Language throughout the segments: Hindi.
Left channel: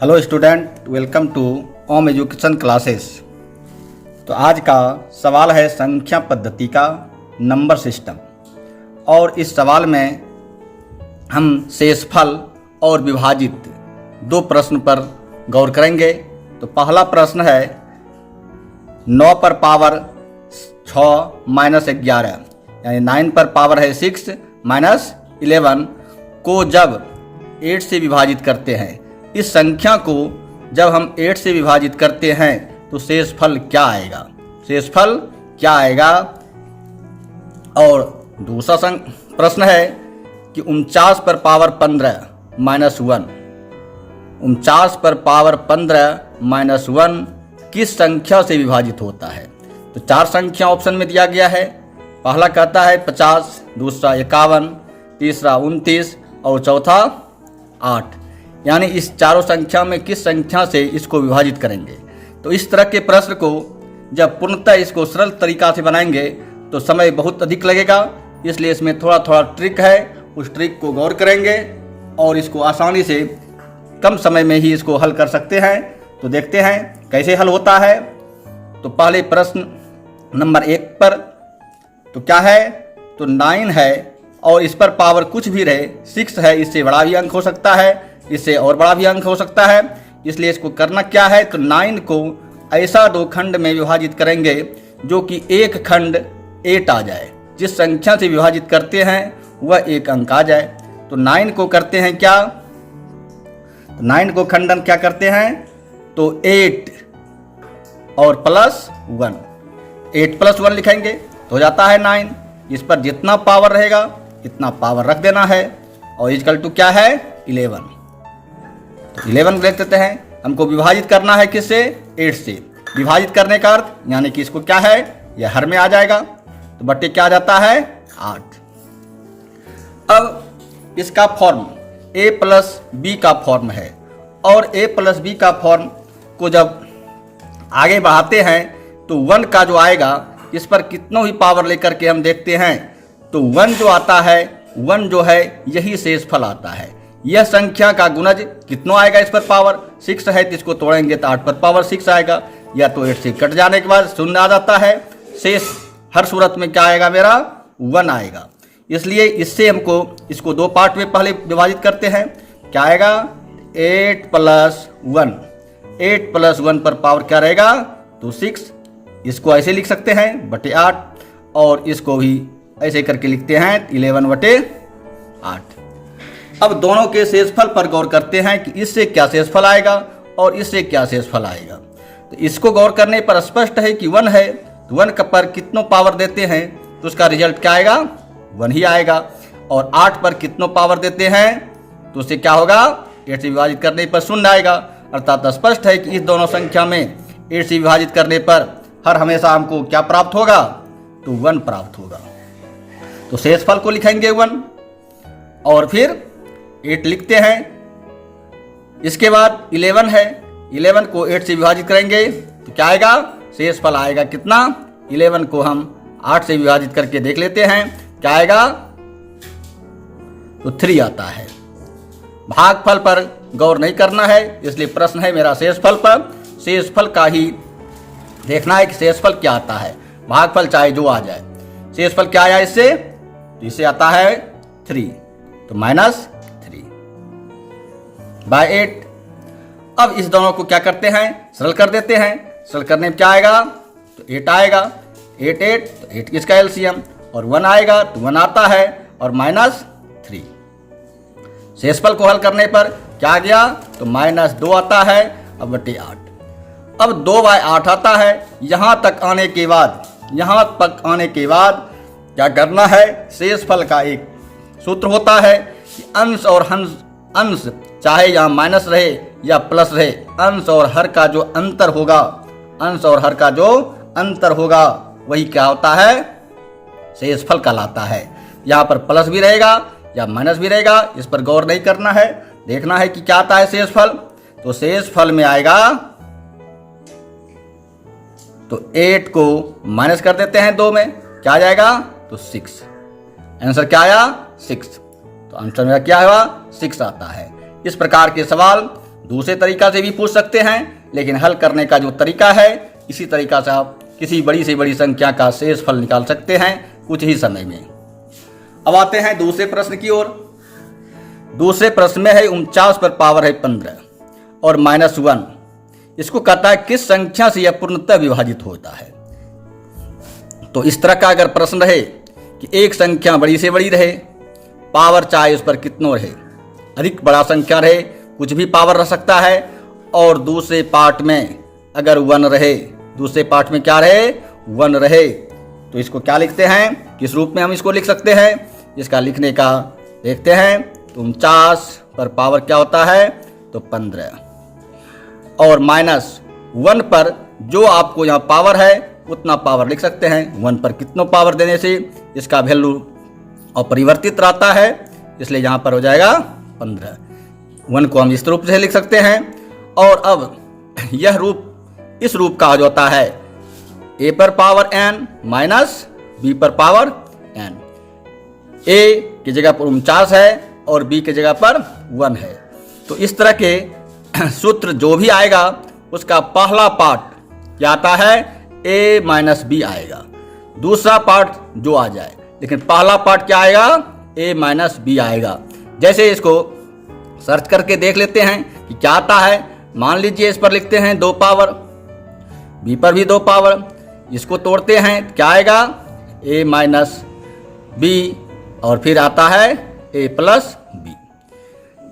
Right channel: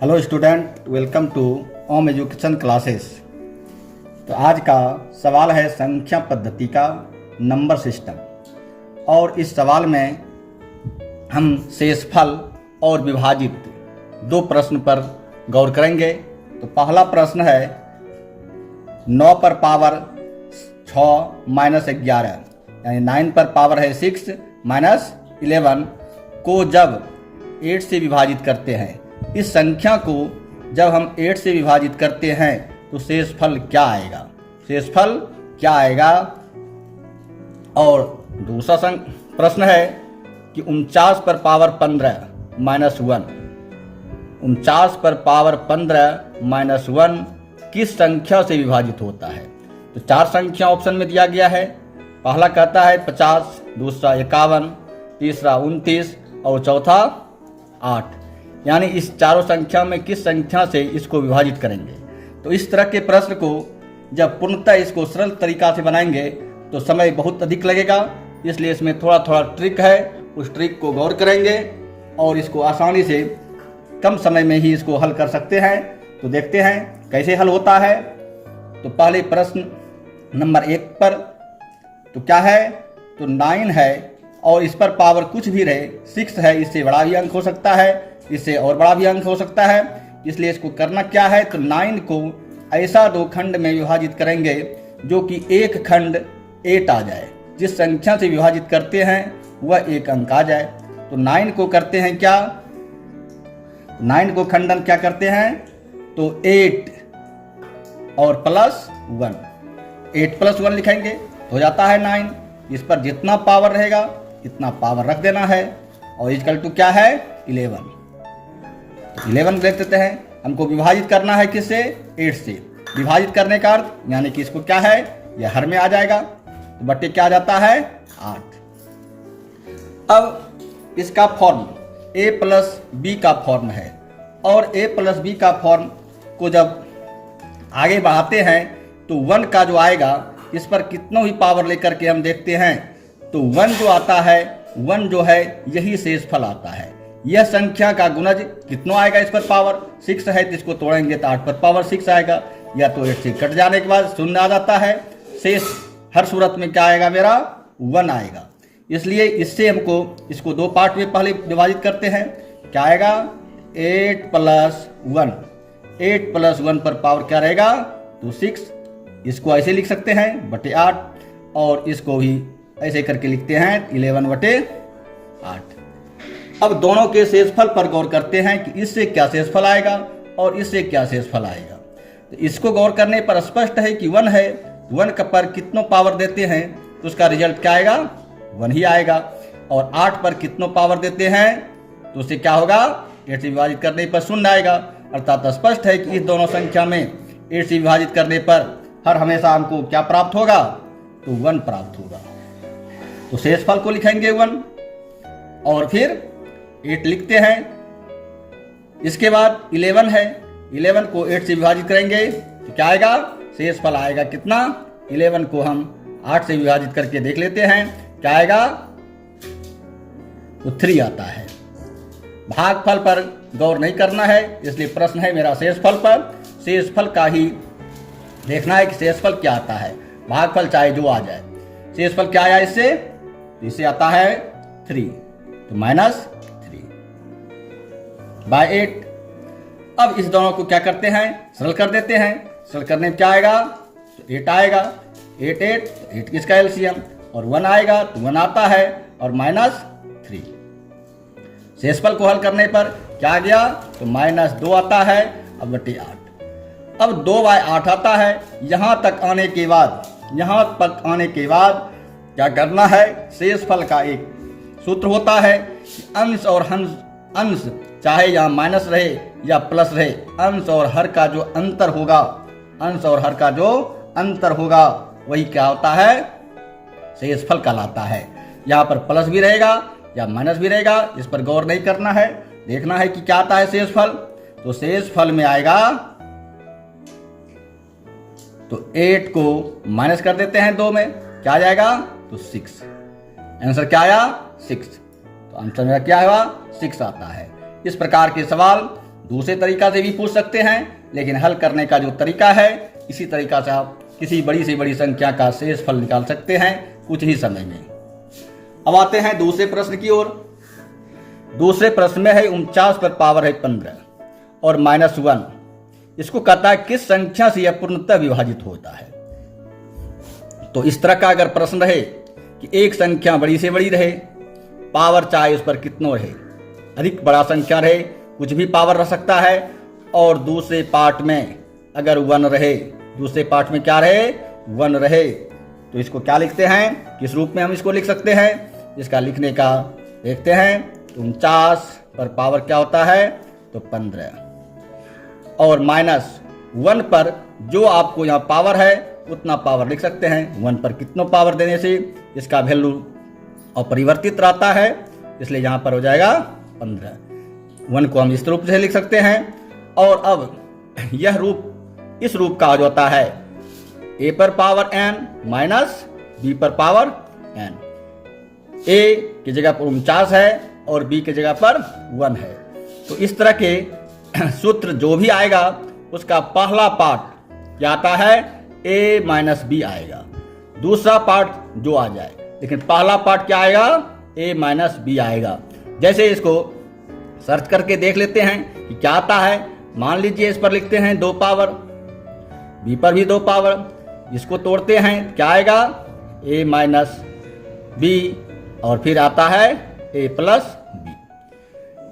Hello student, welcome to Om education classes. तो आज का सवाल है संख्या पद्धति का नंबर सिस्टम। और इस सवाल में हम शेषफल और विभाजित दो प्रश्न पर गौर करेंगे। तो पहला प्रश्न है 9 पर पावर 6 माइनस 11 यानी 9 पर पावर है 6 माइनस 11 को जब 8 से विभाजित करते हैं, इस संख्या को जब हम 8 से विभाजित करते हैं तो शेषफल क्या आएगा, शेषफल क्या आएगा। और दूसरा प्रश्न है कि 49 पर पावर 15 माइनस 1, 49 पर पावर 15 माइनस 1 किस संख्या से विभाजित होता है। तो 4 संख्या ऑप्शन में दिया गया है। पहला कहता है 50, दूसरा 51, तीसरा 29 और चौथा 8। यानी इस चारों संख्या में किस संख्या से इसको विभाजित करेंगे। तो इस तरह के प्रश्न को जब पूर्णतः इसको सरल तरीका से बनाएंगे तो समय बहुत अधिक लगेगा, इसलिए इसमें थोड़ा थोड़ा ट्रिक है, उस ट्रिक को गौर करेंगे और इसको आसानी से कम समय में ही इसको हल कर सकते हैं। तो देखते हैं कैसे हल होता है। तो पहले प्रश्न नंबर 1 पर तो क्या है, तो 9 है और इस पर पावर कुछ भी रहे 6 है, इससे बड़ा भी अंक हो सकता है, इससे और बड़ा भी अंक हो सकता है। इसलिए इसको करना क्या है, तो 9 को ऐसा 2 खंड में विभाजित करेंगे जो कि एक खंड 8 आ जाए। जिस संख्या से विभाजित करते हैं वह एक अंक आ जाए। तो 9 को करते हैं क्या, तो 9 को खंडन क्या करते हैं, तो 8 और प्लस 1, 8 प्लस 1 लिखेंगे तो हो जाता है 9। इस पर जितना पावर रहेगा इतना पावर रख देना है और इक्वल टू क्या है 11। तो 11 लिख देते हैं। हमको विभाजित करना है किससे, 8 से। विभाजित करने का अर्थ यानी कि इसको क्या है, यह हर में आ जाएगा तो बट्टे क्या आ जाता है 8। अब इसका फॉर्म a प्लस बी का फॉर्म है और a प्लस बी का फॉर्म को जब आगे बढ़ाते हैं तो 1 का जो आएगा इस पर कितनों ही पावर लेकर के हम देखते हैं तो 1 जो आता है 1 जो है यही शेषफल आता है। यह संख्या का गुणज कितना आएगा, इस पर पावर 6 है तो इसको तोड़ेंगे तो 8 पर पावर 6 आएगा, या तो 8 से कट जाने के बाद 0 आ जाता है। शेष हर सूरत में क्या आएगा, मेरा 1 आएगा। इसलिए इससे हमको इसको 2 पार्ट में पहले विभाजित करते हैं। क्या आएगा 8 प्लस 1, 8 प्लस 1 पर पावर क्या रहेगा तो 6। इसको ऐसे लिख सकते हैं बटे 8 और इसको भी ऐसे करके लिखते हैं 11 बटे 8। अब दोनों के शेषफल पर गौर करते हैं कि इससे क्या शेषफल आएगा और इससे क्या शेषफल आएगा। तो इसको गौर करने पर स्पष्ट है कि 1 है तो 1 पर कितनों पावर देते हैं तो उसका रिजल्ट क्या आएगा 1 ही आएगा। और 8 पर कितनों पावर देते हैं तो उससे क्या होगा 8 से विभाजित करने पर 0 आएगा। अर्थात स्पष्ट है कि इस दोनों संख्या में 8 से विभाजित करने पर हर हमेशा हमको क्या प्राप्त होगा, तो 1 प्राप्त होगा। तो शेषफल को लिखेंगे 1 और फिर 8 लिखते हैं। इसके बाद 11 है, 11 को 8 से विभाजित करेंगे तो क्या आएगा, शेषफल आएगा कितना, 11 को हम 8 से विभाजित करके देख लेते हैं क्या आएगा, तो 3 आता है। भागफल पर गौर नहीं करना है, इसलिए प्रश्न है मेरा शेषफल पर। शेषफल का ही देखना है कि शेषफल क्या आता है, भागफल चाहे जो आ जाए। शेषफल क्या आया इससे, तो इससे आता है 3, तो -3 बाय 8। अब इस दोनों को क्या करते हैं, सरल कर देते हैं। सरल करने में क्या आएगा, तो 8 आएगा, 8 8 तो 8 किसका एलसीएम और 1 आएगा तो 1 आता है और -3। शेषफल को हल करने पर क्या आ गया, तो -2 आता है अब बटे 8। अब 2 बाय 8 आता है। यहाँ तक आने के बाद क्या करना है, शेषफल का एक सूत्र होता है कि अंश और अंश चाहे यहाँ माइनस रहे या प्लस रहे, अंश और हर का जो अंतर होगा वही क्या होता है, शेषफल कहलाता है। यहाँ पर प्लस भी रहेगा या माइनस भी रहेगा, इस पर गौर नहीं करना है, देखना है कि क्या आता है शेषफल। तो शेषफल में आएगा, तो 8 को माइनस कर देते हैं 2 में, क्या आ जाएगा, तो 6। आंसर क्या आया 6। तो आंसर मेरा क्या हुआ 6 आता है। इस प्रकार के सवाल दूसरे तरीका से भी पूछ सकते हैं, लेकिन हल करने का जो तरीका है इसी तरीका से आप किसी बड़ी से बड़ी संख्या का शेष फल निकाल सकते हैं कुछ ही समय में। अब आते हैं दूसरे प्रश्न की ओर। दूसरे प्रश्न में है 49 पर पावर है 15 और -1। इसको कहता है किस संख्या से यह पूर्णतः विभाजित होता है। तो इस तरह का अगर प्रश्न रहे कि एक संख्या बड़ी से बड़ी रहे, पावर चाहे उस पर कितनों रहे, अधिक बड़ा संख्या रहे, कुछ भी पावर रह सकता है, और दूसरे पार्ट में अगर 1 रहे, दूसरे पार्ट में क्या रहे, 1 रहे, तो इसको क्या लिखते हैं, किस रूप में हम इसको लिख सकते हैं। इसका लिखने का देखते हैं। तो 49 पर पावर क्या होता है, तो 15, और -1 पर जो आपको यहाँ पावर है उतना पावर लिख सकते हैं। 1 पर कितनों पावर देने से इसका वैल्यू अपरिवर्तित रहता है, इसलिए यहाँ पर हो जाएगा 15। 1 को हम इस रूप से लिख सकते हैं। और अब यह रूप इस रूप का हो जाता है a पर पावर n माइनस b पर पावर n। a की जगह पर 49 है और b की जगह पर 1 है। तो इस तरह के सूत्र जो भी आएगा उसका पहला पार्ट क्या आता है, a माइनस b आएगा, दूसरा पार्ट जो आ जाए, लेकिन पहला पार्ट क्या आएगा, a माइनस b आएगा। जैसे इसको सर्च करके देख लेते हैं कि क्या आता है। मान लीजिए इस पर लिखते हैं 2 पावर, b पर भी 2 पावर, इसको तोड़ते हैं क्या आएगा, a माइनस b, और फिर आता है a प्लस b।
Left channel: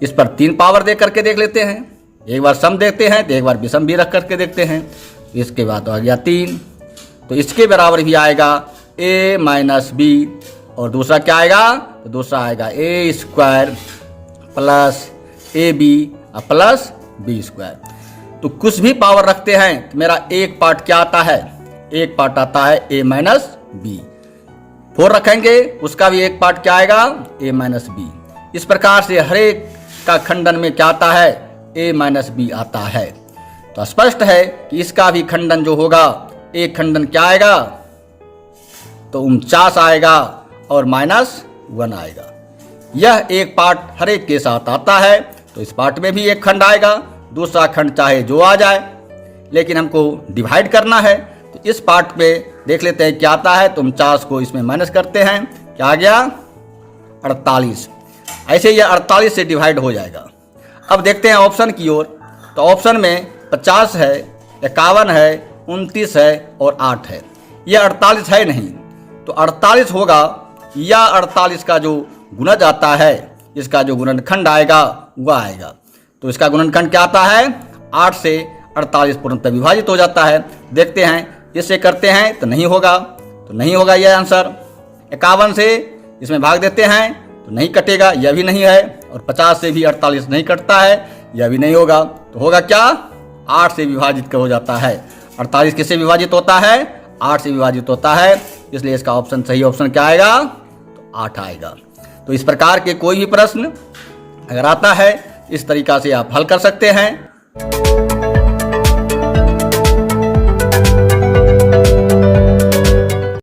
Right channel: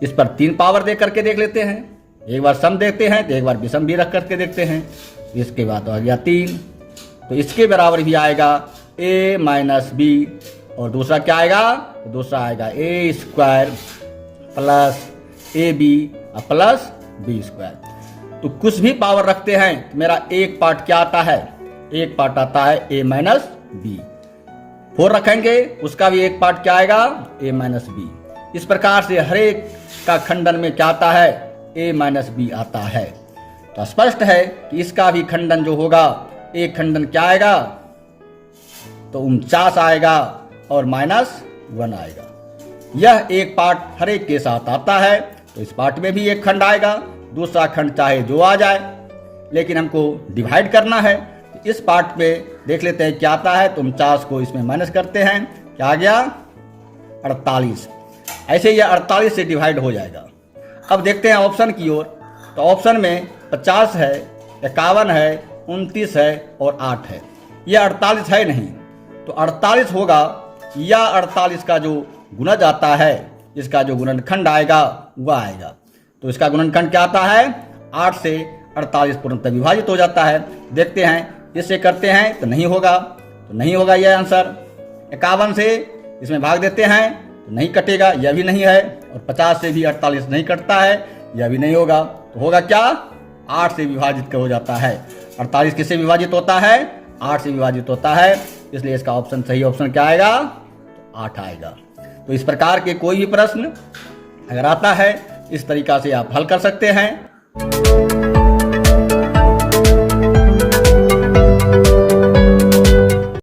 इस पर 3 पावर दे करके देख लेते हैं, एक बार सम देखते हैं तो एक बार विषम भी रख करके देखते हैं। इसके बाद आ गया 3, तो इसके बराबर भी आएगा a माइनस b, और दूसरा क्या आएगा, तो दूसरा आएगा a square plus ab plus b square. तो कुछ भी पावर रखते हैं तो मेरा एक पार्ट क्या आता है, एक पार्ट आता है a माइनस b। 4 रखेंगे उसका भी एक पार्ट क्या आएगा, a माइनस b। इस प्रकार से हर एक का खंडन में क्या आता है, a माइनस b आता है। तो स्पष्ट है कि इसका भी खंडन जो होगा, एक खंडन क्या आएगा, तो 49 आएगा और -1 आएगा। यह एक पार्ट हर एक के साथ आता है, तो इस पार्ट में भी एक खंड आएगा, दूसरा खंड चाहे जो आ जाए, लेकिन हमको डिवाइड करना है। तो इस पार्ट में देख लेते हैं क्या आता है। तो 49 को इसमें माइनस करते हैं, क्या आ गया, 48। ऐसे यह 48 से डिवाइड हो जाएगा। अब देखते हैं ऑप्शन की ओर। तो ऑप्शन में 50 है, 51 है, 29 है और 8 है। यह 48 है नहीं, तो 48 होगा, या 48 का जो गुणज आता है, इसका जो गुणनखंड आएगा वह आएगा। तो इसका गुणनखंड क्या आता है, 8 से 48 पूर्णतः विभाजित हो जाता है। देखते हैं इससे करते हैं तो नहीं होगा, तो नहीं होगा यह आंसर। 51 से इसमें भाग देते हैं तो नहीं कटेगा, यह भी नहीं है, और 50 से भी 48 नहीं कटता है, यह भी नहीं होगा। तो होगा क्या, 8 से विभाजित हो जाता है। 48 किससे विभाजित होता है, 8 से विभाजित होता है, इसलिए इसका ऑप्शन सही ऑप्शन क्या आएगा, तो 8 आएगा। तो इस प्रकार के कोई भी प्रश्न अगर आता है इस तरीका से आप हल कर सकते हैं।